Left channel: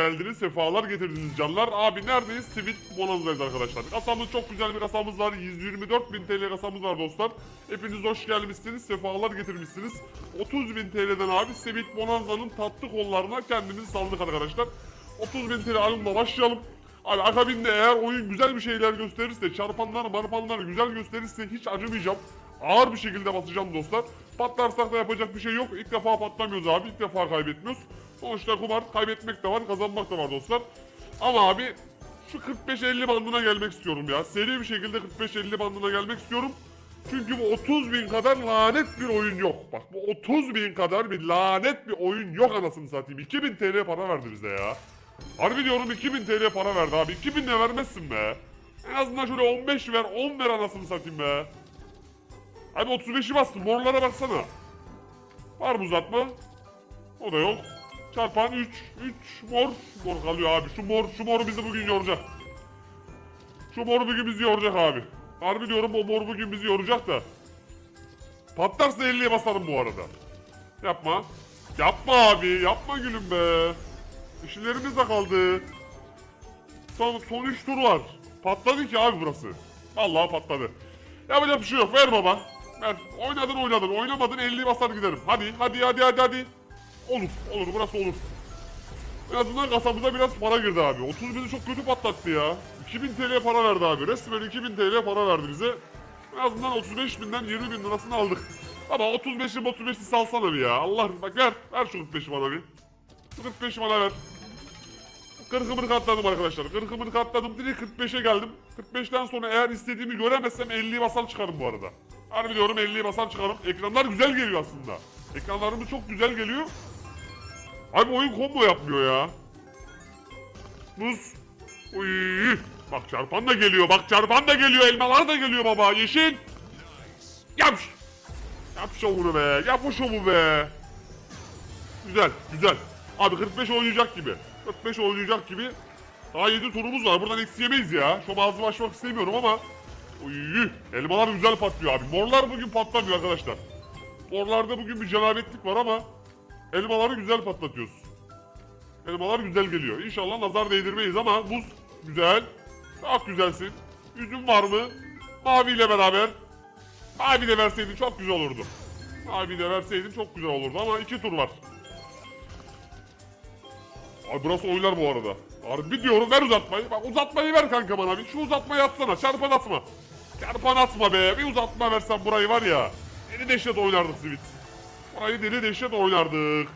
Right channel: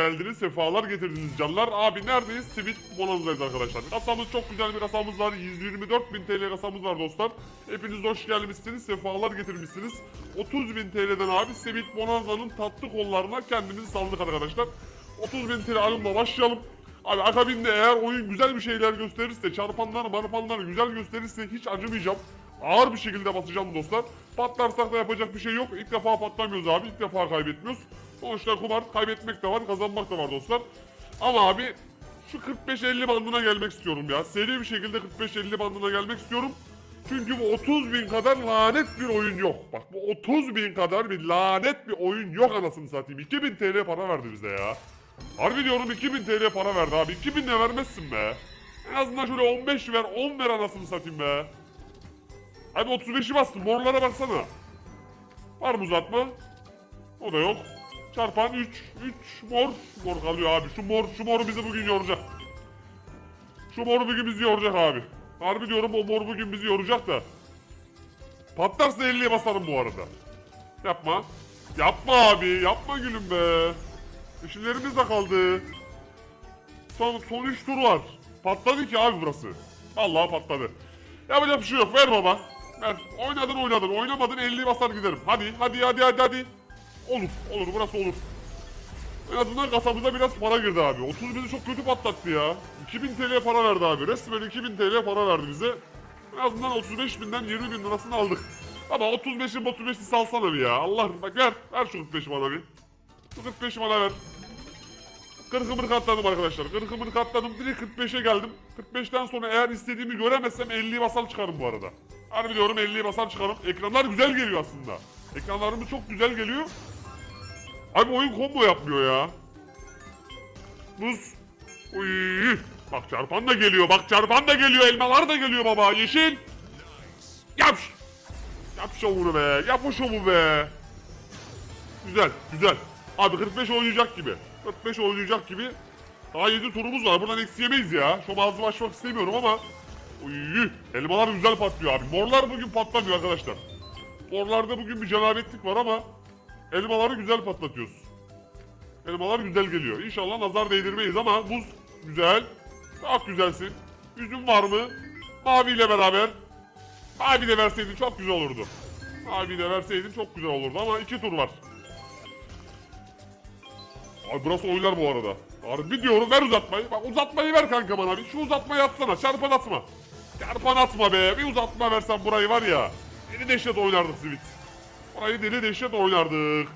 geldiniz, sefalar getirdiniz canlar. Abi neredeyiz? Sivit Bonanza'dayız arkadaşlar. Kasamız çok güzel bir kasamız var. 124 bin TL kasamız var dostlar. Hepiniz hoş gelmişsiniz, sefalar getirmişsiniz. 30 bin TL'den abi Sivit Bonanza'nın tatlı kollarına kendimizi saldık arkadaşlar. 30 bin TL alımla başlayalım. Abi akabinde eğer oyun güzel bir şeyler gösterirse, çarpanlar, marpanlar güzel gösterirse hiç acımayacağım. Ağır bir şekilde basacağım dostlar. Patlarsak da yapacak bir şey yok. İlk defa patlamıyoruz abi, ilk defa kaybetmiyoruz. Sonuçta kumar kaybetmek de var, kazanmak da var dostlar. Ama abi şu 45-50 bandına gelmek istiyorum ya. Seri bir şekilde 45-50 bandına gelmek istiyorum. Çünkü bu 30 bin kadar lanet bir oyun yok. Bak bu 30 bin kadar bir lanet bir oyun yok anasını satayım. 2000 TL para verdi bize ya. Harbi diyorum 2000 TL para verdi abi. 2000 de vermezsin be. En azından şöyle 15 ver, 10 ver anasını satayım be. Hadi 35'i bastım. Morlara baksana. Var mı uzatma? O da yok. Çarpan 3. 3 mor. Mor kalıyor abi. Şu mor, şu moru bizi bugün yoracak. Şu mor bugün bizi yoracak abi. Harbi diyorum o mor bugün bizi yoracak da. Patlarsa 50'ye basarım bu arada. Yapma. Yapma abi. Yapma gülüm be. Dişilerimiz de kaldı. Son, son 3 tur var. Patladı ki abi burası. Vallahi patladı. Yapacak bir şey yok. Ver baba. Ver. Oynadın oynadın. Oynamadın 50'yi basar giderim. Hadi hadi hadi hadi hadi. Olur. Olur burası olur. En azından kasamıza biraz para girdi abi. 30 bini çok kötü patlattı ya. 2000 TL para verdi abi. Resmen 2000 TL para verdi bize. En azından 35 binden 20 bin lirasını aldık. Ama 35'i 35'i salsana bir ya. Allah bak ver. Ver şu 45'i bana bir. Şu 45'i bana ver. Kırkımını katladım arkadaşlar. Kırkımını katladım. Direkt 45'e geldim. 45'ten sonra eğer istediğimi göremezsem 50'yi basar çıkarım bu arada. Harbi diyorum 50'yi basar çıkarım. Ekranlar güzel geliyor aslında. Ekranlarımız çok güzel geliyor. Abi oyun combo yapmıyor ya. Buz. Uy. Bak çarpan da geliyor. Bak çarpan da geliyor. Elmalar da geliyor baba. Yeşil. Yap. Yap şovunu be. Yap o şovu be. Güzel. Güzel. Abi 45 oynayacak gibi. 45 oynayacak gibi. Daha 7 turumuz var. Buradan eksi ya. Şu bazı başlamak istemiyorum ama. Uy. Elmalar güzel patlıyor abi. Morlar bugün patlamıyor arkadaşlar. Morlarda bugün bir cenabetlik var ama elmaları güzel patlatıyoruz. Elmalar güzel geliyor. İnşallah nazar değdirmeyiz ama buz güzel. Çok güzelsin. Üzüm var mı? Maviyle beraber. Mavi de verseydin çok güzel olurdu. Mavi de verseydin çok güzel olurdu ama iki tur var. Abi burası oynar bu arada. Harbi diyorum ver uzatmayı. Bak uzatmayı ver kanka bana bir. Şu uzatmayı yapsana. Çarpan atma. Çarpan atma be. Bir uzatma versen burayı var ya. Deli dehşet oynardık Sivit. Burayı deli dehşet oynardık.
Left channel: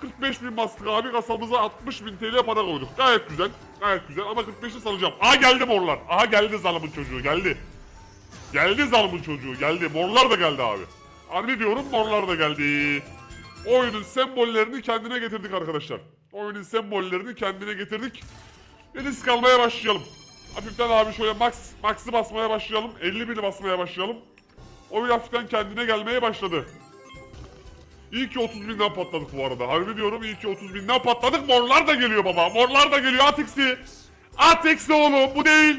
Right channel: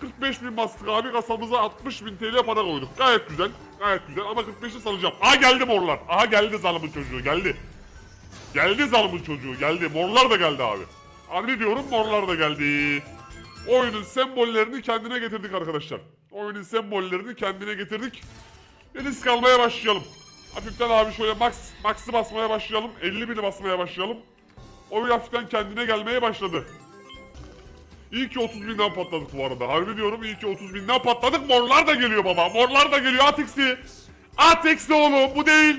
45 bin bastık abi kasamıza 60 bin TL para koyduk. Gayet güzel. Gayet güzel ama 45'i salacağım. Aha geldi morlar. Aha geldi zalımın çocuğu geldi. Geldi zalımın çocuğu geldi. Morlar da geldi abi. Harbi diyorum morlar da geldi. Oyunun sembollerini kendine getirdik arkadaşlar. Oyunun sembollerini kendine getirdik. Bir risk almaya başlayalım. Hafiften abi şöyle max, max'ı basmaya başlayalım. 50 bini basmaya başlayalım. Oyun hafiften kendine gelmeye başladı. İyi ki 30 binden patladık bu arada. Harbi diyorum iyi ki 30 binden patladık. Morlar da geliyor baba. Morlar da geliyor. At X'i. At X'i oğlum. Bu değil.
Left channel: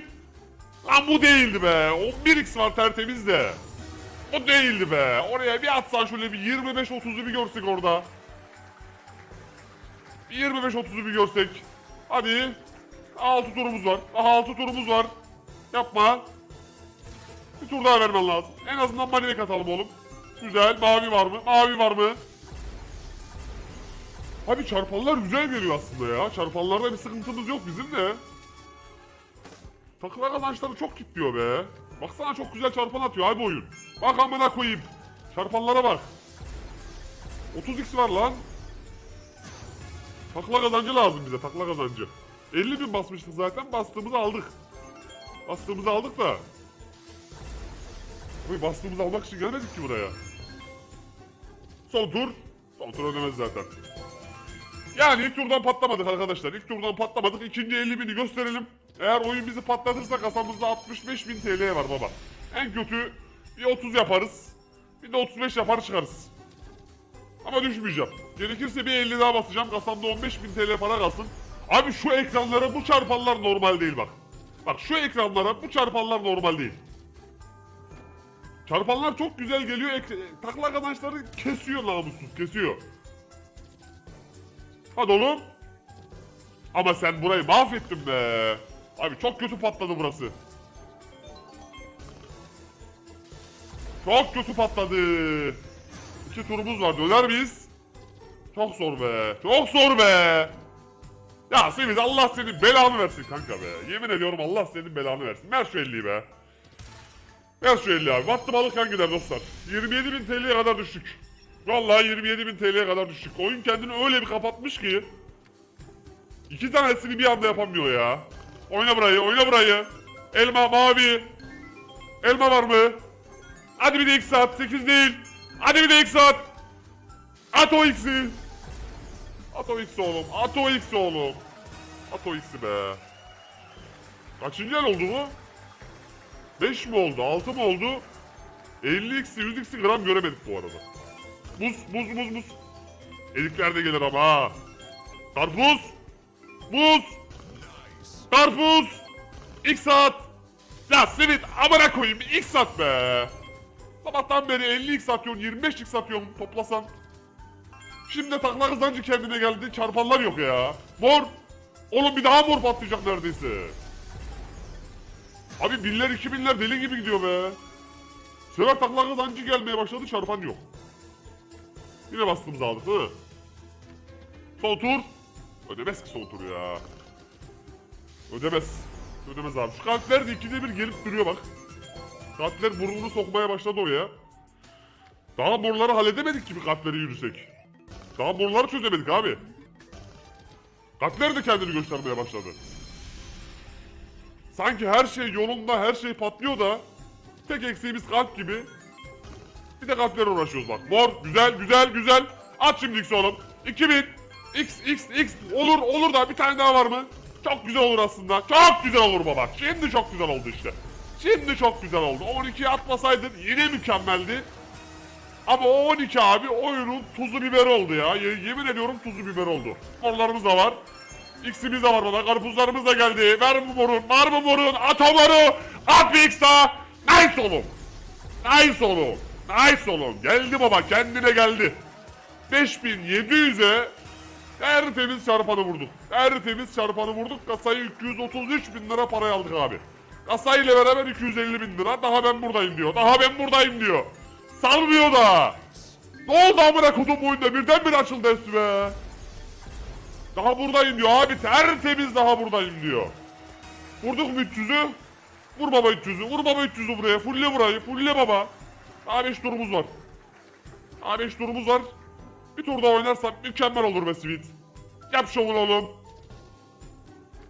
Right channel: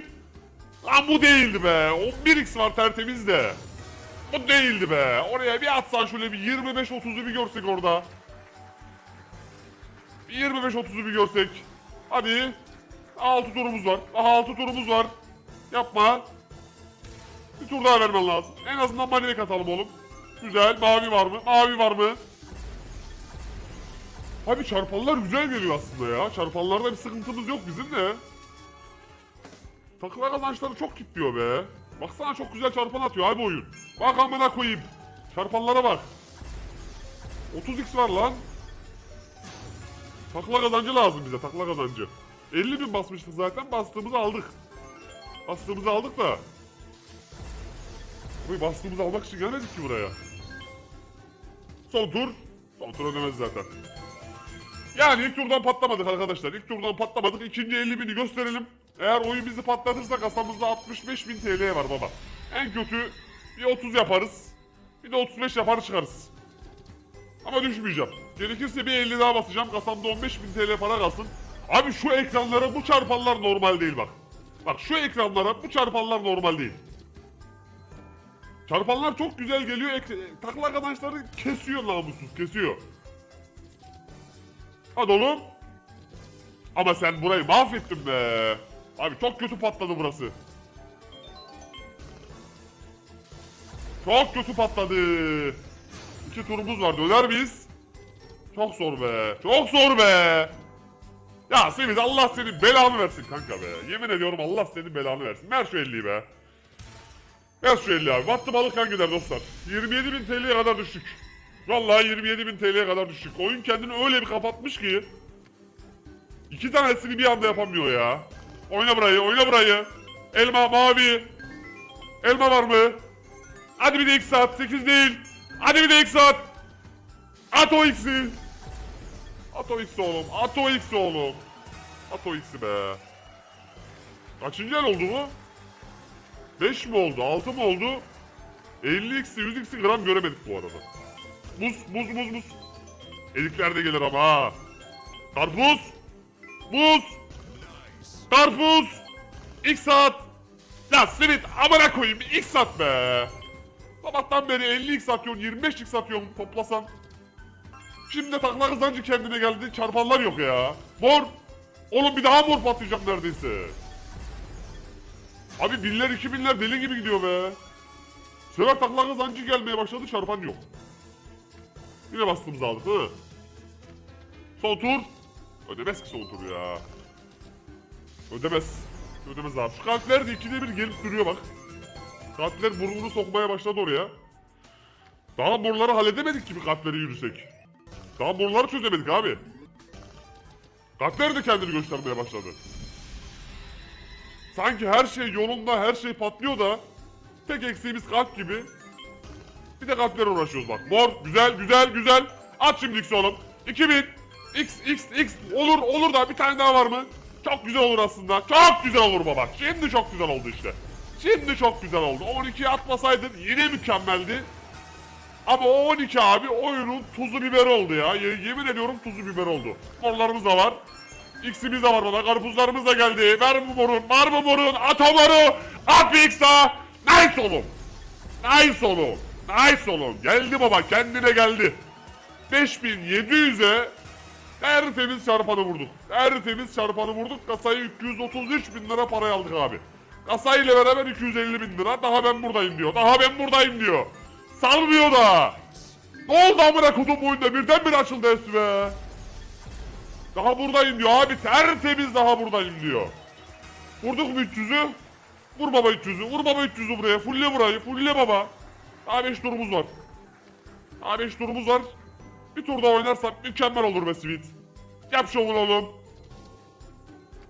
Lan bu değildi be. 11x var tertemiz de. O değildi be. Oraya bir atsan şöyle bir 25-30'u bir görsek orada. Bir 25-30'u bir görsek. Hadi. 6 turumuz var. Aha 6 turumuz var. Yapma. Bir tur daha vermen lazım. En azından manik atalım oğlum. Güzel. Mavi var mı? Mavi var mı? Abi çarpanlar güzel geliyor aslında ya. Çarpanlarda bir sıkıntımız yok bizim de. Takılar kazançları çok kilitliyor be. Baksana çok güzel çarpan atıyor abi oyun. Bak amına koyayım. Çarpanlara bak. 30x var lan. Takla kazancı lazım bize takla kazancı. 50 bin basmıştık zaten bastığımızı aldık. Bastığımızı aldık da. Abi bastığımızı almak için gelmedik ki buraya. Son tur. Son tur zaten. Yani ilk turdan patlamadık arkadaşlar. İlk turdan patlamadık. İkinci 50 bini gösterelim. Eğer oyun bizi patlatırsa kasamızda 65 bin TL var baba. En kötü bir 30 yaparız. Bir de 35 yapar çıkarız. Ama düşmeyeceğim. Gerekirse bir 50 daha basacağım. Kasamda 15 bin TL para kalsın. Abi şu ekranlara bu çarpanlar normal değil bak. Bak şu ekranlara bu çarpanlar normal değil. Çarpanlar çok güzel geliyor. Takla arkadaşları kesiyor namussuz. Kesiyor. Hadi oğlum. Ama sen burayı mahvettin be. Abi çok kötü patladı burası. Çok kötü patladı. İki turumuz var. Döner miyiz? Çok zor be. Çok zor be. Ya Semih Allah senin belanı versin kanka be. Yemin ediyorum Allah senin belanı versin. Ver şu 50'yi be. Ver şu 50'yi abi. Battı balık gider dostlar. 27 bin TL'ye kadar düştük. Vallahi 27 bin TL'ye kadar düştük. Oyun kendini öyle bir kapatmış ki. İki tanesini bir anda yapamıyor ya. Oyna burayı, oyna burayı. Elma mavi. Elma var mı? Hadi bir de X at. 8 değil. Hadi bir de X at. At o X'i. At o X'i oğlum. At o X'i oğlum. At o X'i be. Kaçıncı el oldu bu? 5 mi oldu? 6 mı oldu? 50 X'i 100 X'i gram göremedik bu arada. Muz, muz, muz, muz. Erikler de gelir ama. Karpuz. Muz. Karpuz. X at. Ya senin amına koyayım X at be. Sabahtan beri 50 X atıyorsun 25 X atıyorsun toplasan. Şimdi takla kızancı kendine geldi çarpanlar yok ya. Mor. Oğlum bir daha mor patlayacak neredeyse. Abi binler iki binler deli gibi gidiyor be. Sıra takla kızancı gelmeye başladı çarpan yok. Yine bastığımız aldık değil mi? Sol tur. Ödemez ki sol tur ya. Ödemez. Ödemez abi. Şu kalpler de ikide bir gelip duruyor bak. Kalpler burnunu sokmaya başladı oraya. Daha boruları halledemedik gibi kalpleri yürüsek. Daha boruları çözemedik abi. Kalpler de kendini göstermeye başladı. Sanki her şey yolunda, her şey patlıyor da tek eksiğimiz kalp gibi. Bir de kalpler uğraşıyoruz bak. Mor, güzel, güzel, güzel. At şimdi X oğlum. 2000. X, X, X. Olur, olur da bir tane daha var mı? Çok güzel olur aslında. Çok güzel olur baba. Şimdi çok güzel oldu işte. Şimdi çok güzel oldu. 12'ye atmasaydın yine mükemmeldi. Ama o 12 abi oyunun tuzu biberi oldu ya. Ye- yemin ediyorum tuzu biber oldu. Morlarımız da var. X'imiz de var baba. Karpuzlarımız da geldi. Ver bu morun. Var mı morun? At o moru. At bir X daha. Nice oğlum. Nice oğlum. Nice oğlum. Geldi baba. Kendine geldi. 5700'e tertemiz çarpanı vurduk. Tertemiz çarpanı vurduk. Kasayı 233 bin lira paraya aldık abi. Kasayla beraber 250 bin lira. Daha ben buradayım diyor. Daha ben buradayım diyor. Salmıyor da. Ne oldu amına kudum bu oyunda? Birdenbire açıldı üstüne. Daha buradayım diyor abi. Tertemiz daha buradayım diyor. Vurduk mu 300'ü? Vur baba 300'ü. Vur baba 300'ü buraya. Fulle burayı. Fulle baba. Daha 5 turumuz var. Daha 5 turumuz var. Bir tur daha oynarsak mükemmel olur be Sweet. Yap şovunu oğlum.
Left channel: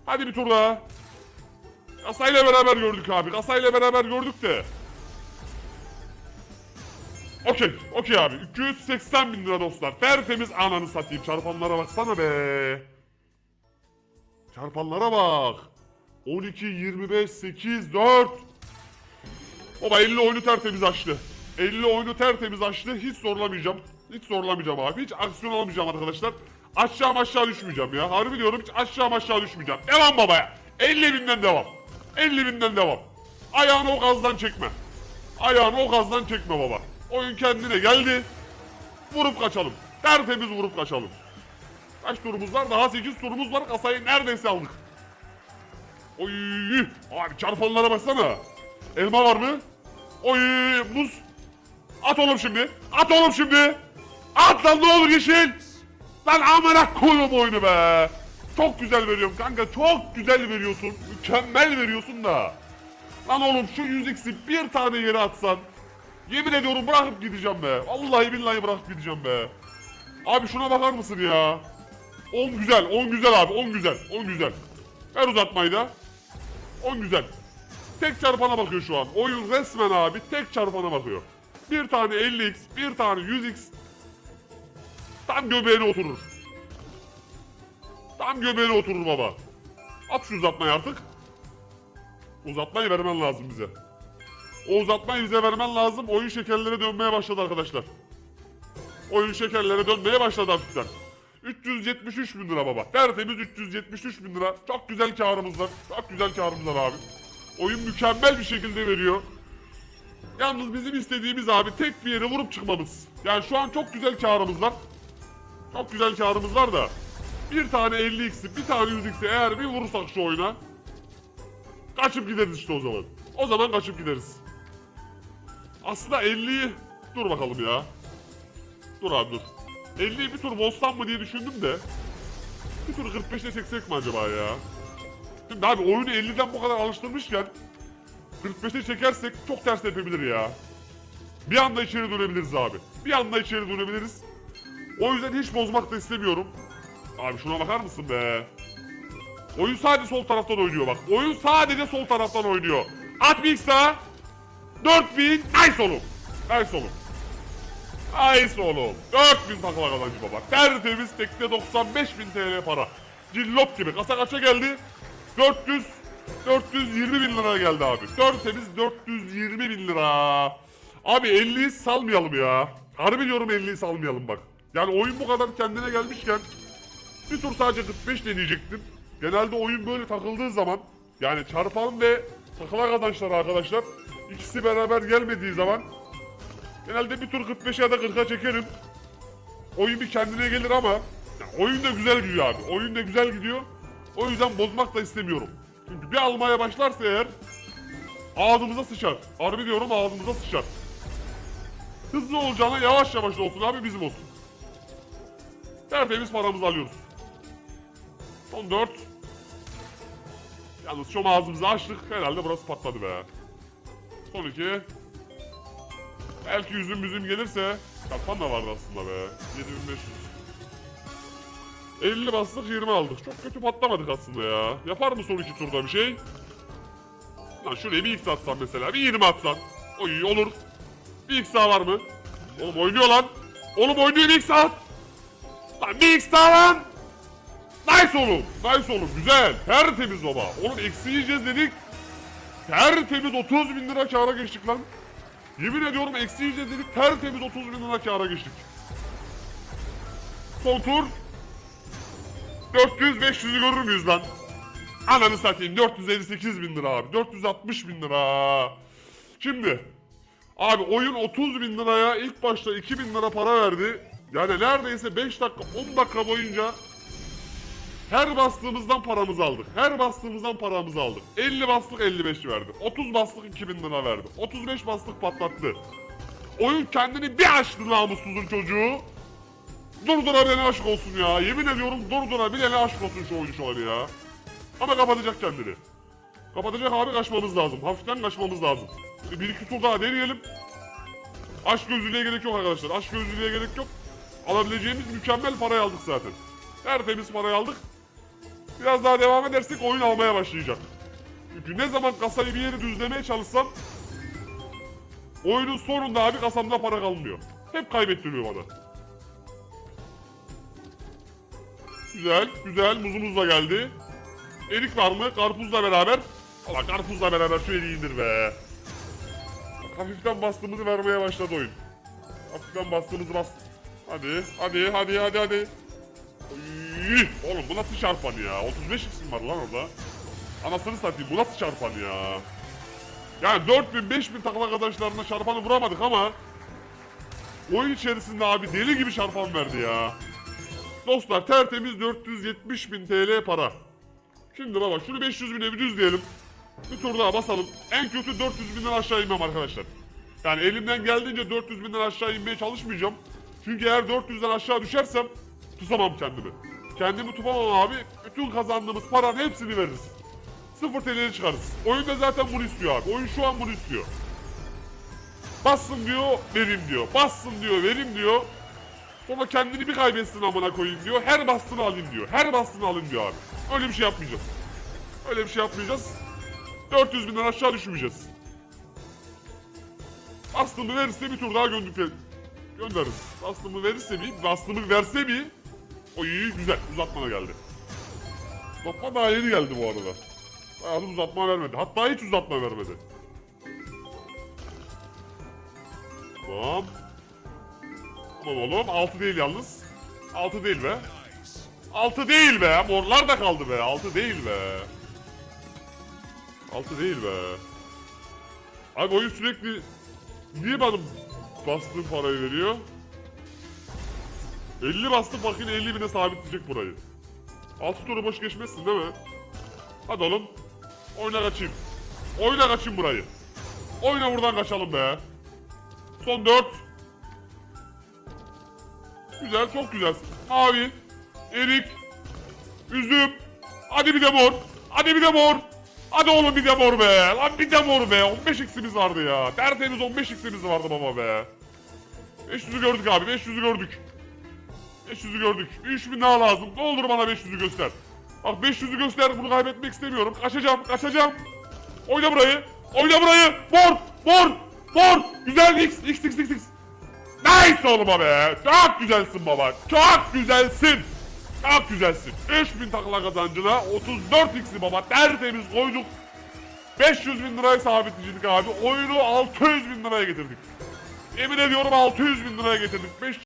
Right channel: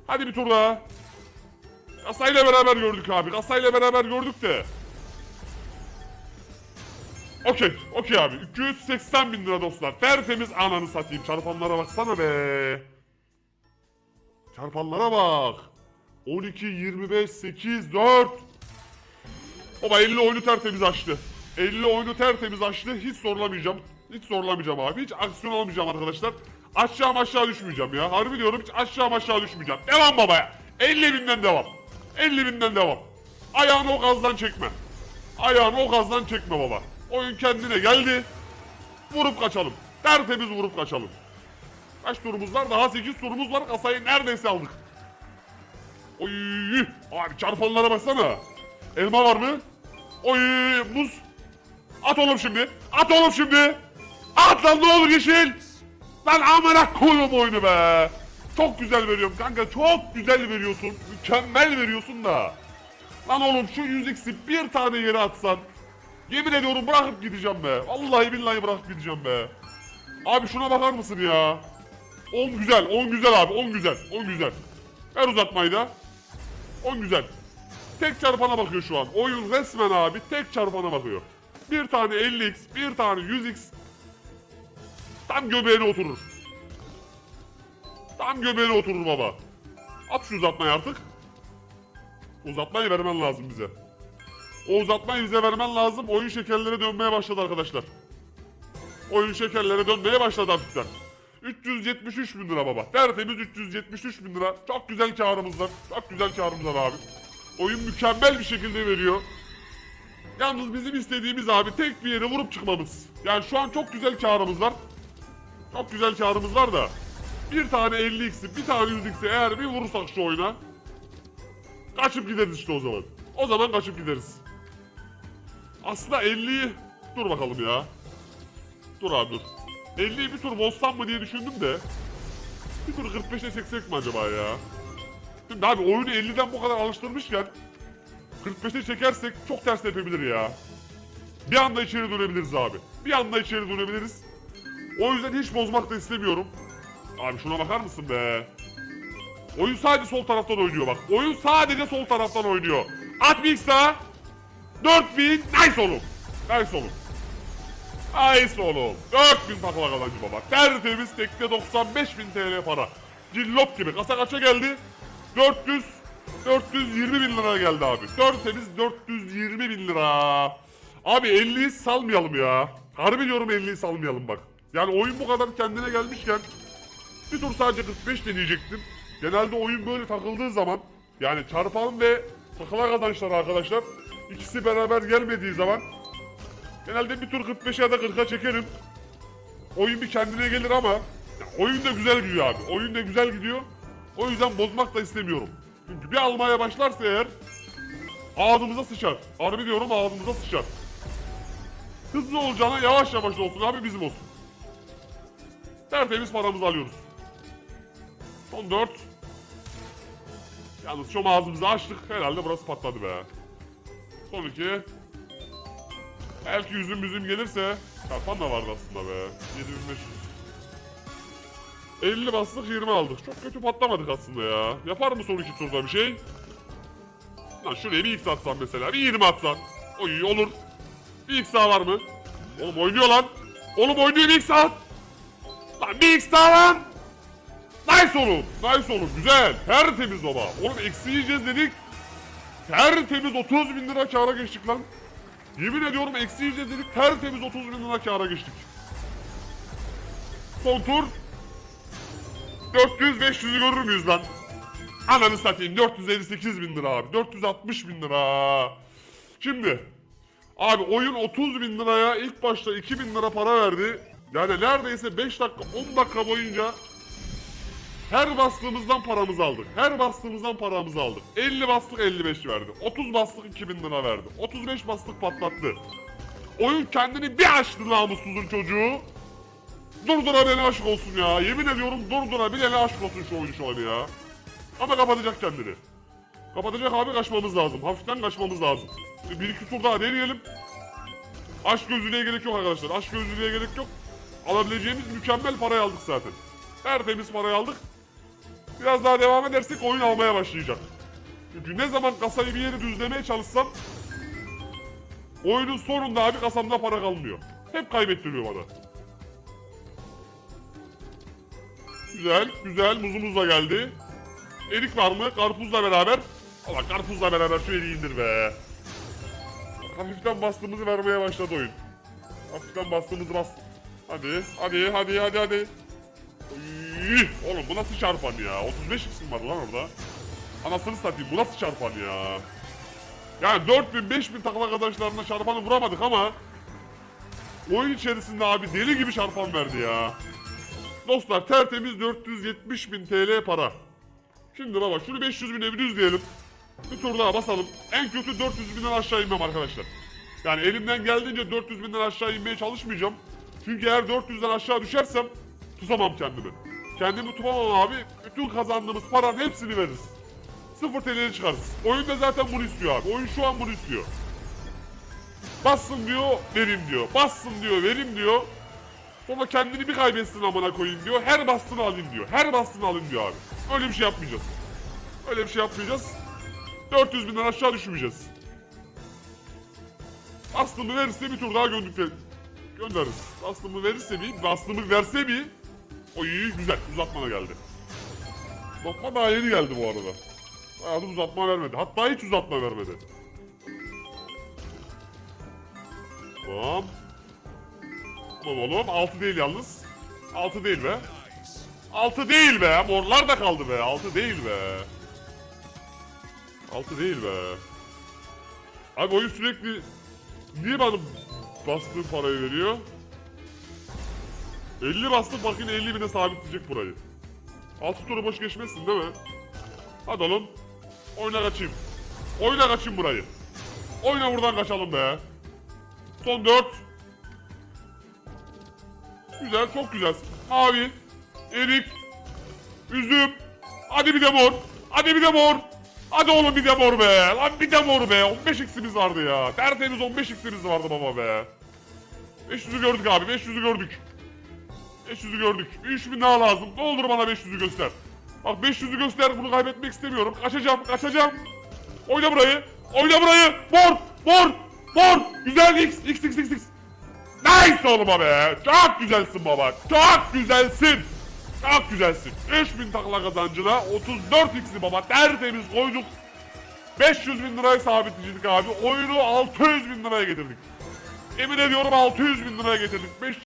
Hadi bir tur daha. Kasayla beraber gördük abi. Kasayla beraber gördük de. Okey, okey abi. 280 bin lira dostlar. Tertemiz ananı satayım. Çarpanlara baksana be. Çarpanlara bak. 12, 25, 8, 4. Baba 50 oyunu tertemiz açtı. 50 oyunu tertemiz açtı. Hiç zorlamayacağım. Hiç zorlamayacağım abi. Hiç aksiyon almayacağım arkadaşlar. Aşağı aşağı düşmeyeceğim ya. Harbi diyorum hiç aşağı aşağı düşmeyeceğim. Devam babaya. 50 binden devam. 50 binden devam. Ayağını o gazdan çekme. Ayağını o gazdan çekme baba. Oyun kendine geldi. Vurup kaçalım. Tertemiz vurup kaçalım. Kaç turumuz var? Daha 8 turumuz var. Kasayı neredeyse aldık. Oy! Abi çarpanlara baksana. Elma var mı? Oy! Muz. At oğlum şimdi. At oğlum şimdi. At lan ne olur yeşil. Lan amına koyun oyunu be. Çok güzel veriyorum kanka. Çok güzel veriyorsun. Mükemmel veriyorsun da. Lan oğlum şu 100x'i bir tane yere atsan. Yemin ediyorum bırakıp gideceğim be. Vallahi billahi bırakıp gideceğim be. Abi şuna bakar mısın ya? 10 güzel, 10 güzel abi, 10 güzel, 10 güzel. Ver uzatmayı da. 10 güzel. Tek çarpana bakıyor şu an. Oyun resmen abi tek çarpana bakıyor. Bir tane 50x, bir tane 100x. Tam göbeğine oturur. Tam göbeğine oturur baba. At şu uzatmayı artık. Uzatmayı vermen lazım bize. O uzatmayı bize vermen lazım. Oyun şekerleri dönmeye başladı arkadaşlar. Oyun şekerleri dönmeye başladı artık. 373 bin lira baba. Tertemiz 373 bin lira. Çok güzel karımız var. Çok güzel karımız var abi. Oyun mükemmel bir şekilde veriyor. Yalnız bizim istediğimiz abi tek bir yere vurup çıkmamız. Yani şu an çok güzel karımız var. Çok güzel karımız var da. Bir tane 50x'i, bir tane 100x'i eğer bir vurursak şu oyuna. Kaçıp gideriz işte o zaman. O zaman kaçıp gideriz. Aslında 50'yi... Dur bakalım ya. Dur abi dur. 50'yi bir tur bozsam mı diye düşündüm de. Bir tur 45'e çeksek mi acaba ya? Şimdi abi oyunu 50'den bu kadar alıştırmışken 45'e çekersek çok ters yapabilir ya. Bir anda içeri dönebiliriz abi. Bir anda içeri dönebiliriz. O yüzden hiç bozmak da istemiyorum. Abi şuna bakar mısın be? Oyun sadece sol taraftan oynuyor bak. Oyun sadece sol taraftan oynuyor. At bir daha. 4000 nice oğlum. Nice oğlum. Nice oğlum. 4000 takla kazancı baba. Tertemiz tekte 95 bin TL para. Cillop gibi. Kasa kaça geldi? 400 420 bin liraya geldi abi. Tertemiz 420 bin lira. Abi 50'yi salmayalım ya. Harbi diyorum 50'yi salmayalım bak. Yani oyun bu kadar kendine gelmişken bir tur sadece 45 deneyecektim. Genelde oyun böyle takıldığı zaman yani çarpan ve takıla arkadaşlar arkadaşlar ikisi beraber gelmediği zaman genelde bir tur 45'e ya da 40'a çekerim. Oyun bir kendine gelir ama ya oyun da güzel gidiyor abi. Oyun da güzel gidiyor. O yüzden bozmak da istemiyorum. Çünkü bir almaya başlarsa eğer ağzımıza sıçar. Harbi diyorum ağzımıza sıçar. Hızlı olacağına yavaş yavaş olsun abi bizim olsun. Tertemiz paramızı alıyoruz. 14. Yalnız şu ağzımızı açtık. Herhalde burası patladı be. Son iki. Belki yüzüm yüzüm gelirse. Çarpan da vardı aslında be. 7500. 50 bastık 20 aldık. Çok kötü patlamadık aslında ya. Yapar mı son iki turda bir şey? Ya şuraya bir x atsan mesela. Bir 20 atsan. Oy olur. Bir x daha var mı? Oğlum oynuyor lan. Oğlum oynuyor bir x at. Lan bir x daha var. Nice oğlum. Nice oğlum. Güzel. Tertemiz baba. Oğlum eksi yiyeceğiz dedik. Tertemiz 30 bin lira kâra geçtik lan. Yemin ediyorum eksi dedik. Tertemiz 30 bin lira kâra geçtik. Son tur. 400 500 görür müyüz lan? Ananı satayım 458 bin lira abi. 460 bin lira. Şimdi Abi oyun 30 bin liraya ilk başta 2 bin lira para verdi. Yani neredeyse 5 dakika 10 dakika boyunca her bastığımızdan paramızı aldık. Her bastığımızdan paramızı aldık. 50 bastık 55 verdi. 30 bastık 2000 lira verdi. 35 bastık patlattı. Oyun kendini bir açtı namussuzun çocuğu. Durdura beni aşk olsun ya. Yemin ediyorum durdura bir ele aşk olsun şu oyun şu an ya. Ama kapatacak kendini. Kapatacak abi kaçmamız lazım. Hafiften kaçmamız lazım. Bir iki tur daha deneyelim. Aşk gözlülüğe gerek yok arkadaşlar. Aşk gözlülüğe gerek yok. Alabileceğimiz mükemmel parayı aldık zaten. Tertemiz parayı aldık. Biraz daha devam edersek oyun almaya başlayacak. Çünkü ne zaman kasayı bir yeri düzlemeye çalışsam oyunun sonunda abi kasamda para kalmıyor. Hep kaybettiriyor bana. Güzel, güzel. Muzumuz da geldi. Erik var? Karpuzla beraber. Ama karpuzla beraber şu eriği indir be. Hafiften bastığımızı vermeye başladı oyun. Hafiften bastığımızı bas. Hadi, hadi, hadi, hadi, hadi. Oğlum bu nasıl çarpan ya? 35 isim var lan orada. Anasını satayım bu nasıl çarpan ya? Yani 4000 5000 takla arkadaşlarına çarpanı vuramadık ama oyun içerisinde abi deli gibi çarpan verdi ya. Dostlar tertemiz 470 bin TL para. Şimdi baba şunu 500 bine bir düzleyelim. Bir tur daha basalım. En kötü 400 binden aşağı inmem arkadaşlar. Yani elimden geldiğince 400 binden aşağı inmeye çalışmayacağım. Çünkü eğer 400'den aşağı düşersem tutamam kendimi. Kendimi tutamam abi. Bütün kazandığımız paranın hepsini veririz. Sıfır TL'ye çıkarız. Oyun da zaten bunu istiyor abi. Oyun şu an bunu istiyor. Bassın diyor, verim diyor. Bassın diyor, verim diyor. Sonra kendini bir kaybetsin amına koyayım diyor. Her bastığını alın diyor. Her bastığını alın diyor abi. Öyle bir şey yapmayacağız. Öyle bir şey yapmayacağız. 400 binden aşağı düşmeyeceğiz. Bastığımı verirse bir tur daha göndeririz. Göndeririz. Bastığımı verirse mi? Bastığımı verse mi? O iyi güzel. Uzatmana geldi. Uzatma daha yeni geldi bu arada. Bayağı da uzatma vermedi. Hatta hiç uzatma vermedi. Hop. Ulan ulan 6 değil yalnız. 6 değil be. 6 değil be. Morlar da kaldı be. 6 değil be. 6 değil be. Abi oyun sürekli niye bana bastığım parayı veriyor? 50 bastım bakın 50 bine sabitleyecek burayı. Altı turu boş geçmezsin değil mi? Hadi oğlum. Oyna kaçayım. Oyna kaçayım burayı. Oyna buradan kaçalım be. Son dört. Güzel, çok güzelsin. Mavi, erik, üzüm. Hadi bir de mor. Hadi bir de mor. Hadi oğlum bir de mor be. Lan bir de mor be. 15 x'imiz vardı ya. Tertemiz 15 x'imiz vardı baba be. 500'ü gördük abi. 500'ü gördük. 500'ü gördük. Bir 3000 daha lazım. Ne olur bana 500'ü göster. Bak 500'ü göster. Bunu kaybetmek istemiyorum. Kaçacağım. Kaçacağım. Oyna burayı. Oyna burayı. Mor. Mor. Mor. Güzel. X. X. X. X. X. Nice oğlum be. Çok güzelsin baba. Çok güzelsin. Çok güzelsin. 5000 takla kazancına 34 x'i baba tertemiz koyduk. 500 bin lirayı sabitledik abi. Oyunu 600 bin liraya getirdik. Yemin ediyorum 600 bin liraya getirdik.